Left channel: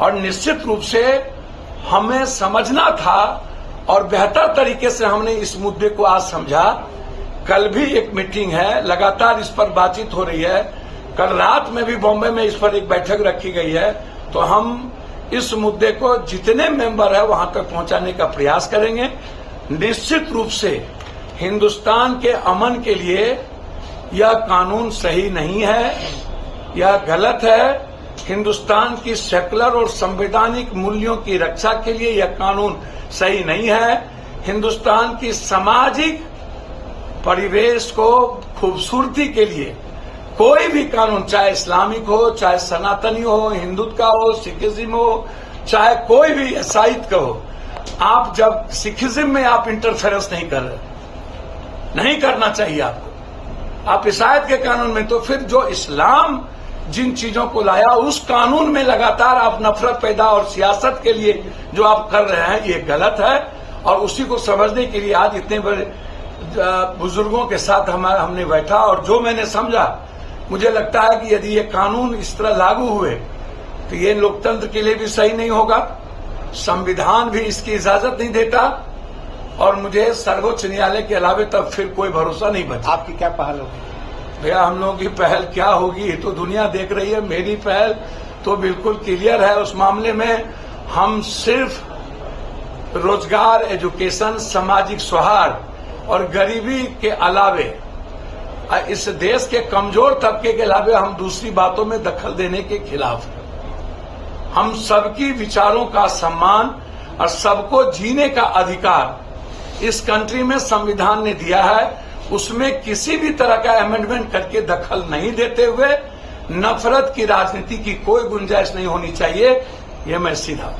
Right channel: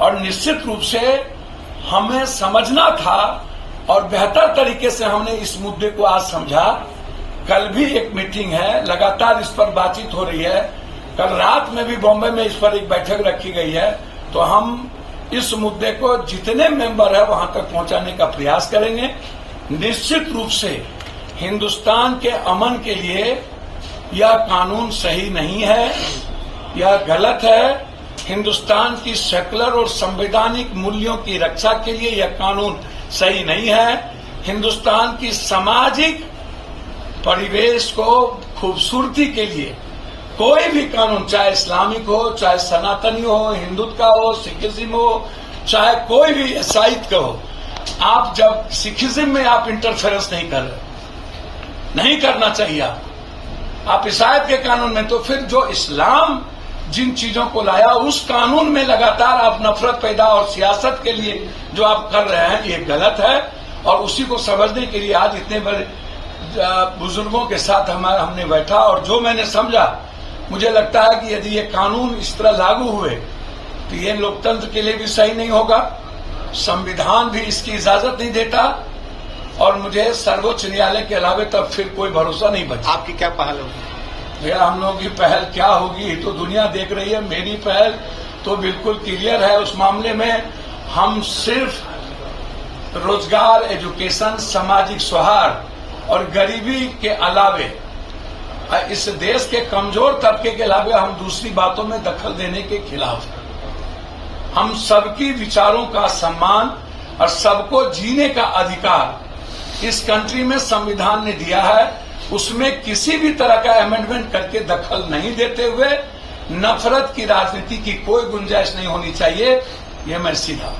और निश्चित रूप से हमें समझना था और बेहतर तरीके से हमने इस मुद्दे को आज समझा। कल भी एक मीटिंग है, लगातार इस पर बातचीत हो रही है। कल रात में भी बॉम्बे में इस पर एक बैठक रखी गई है। तो हम इस मुद्दे को जितने मेंबर है वहां तक पहुंचाने का प्रयास करेंगे। निश्चित रूप से हिंदुस्तान के अमन के लिए यह कानून सही नहीं है, यह गलत है। हिंदुस्तान की सेकुलर और संवैधानिक मूल्यों की रक्षा के लिए यह कानून सही नहीं है। हिंदुस्तान की सामाजिक परिवेश को खूबसूरती के लिए कोई भी कानून, चाहे इस्लामिक हो, चाहे सनातनी हो, हिंदुत्व का हो, सिखिज्म हो, चाहे कोई भी ईसाईत का हो, आप जब सिखिज्म में आप इंटरफेरेंस नहीं कर रहे, नहीं करना चाहिए आपको। आप ईसाईत के कानून में, तो फिर जो इस्लाम जिन चीजों को लाया उस कानून में लगातार आप नफरत पैदा और सियासत के लिए जो आप कर रहे हैं, ये गलत है। और उसी को समझने के लिए आज इतने बड़े बुजुर्गों के साथ हमने बैठा और जो मैंने समझा, मुझे लगता है कि यदि ये कानून इस तरह लागू हुए तो ये लोकतंत्र के लिए भी सही नहीं होगा, संविधान भी इसकी इजाजत नहीं देता और मुझे सर्वोच्च न्यायालय के अलावे तब फिर कोई भरोसा नहीं बचा। आपकी क्या पहल होगी? भैया, हम लोगों की पहल क्या होगी तो दुनिया देख रही है। मेरी पहल तो बिल्कुल क्लियर है उस मामले में। हम सिर्फ रोजगार, एजुकेशन, सामाजिक सौहार्द और गरीबी के अलावे इस देश के कमजोर तबके के अलावे हम दूसरी बातों में दखल देने के खिलाफ हैं। हम सबकी विचारों का सम्मान और सबको जीने का अधिकार इस कंट्री में संविधान ने दिया है। उसमें किसी भी तरह का अमेंडमेंट करके दखल नहीं देते हुए नफरत की राजनीति की कोई गुंजाइश नहीं होनी चाहिए। ये मैं सीधा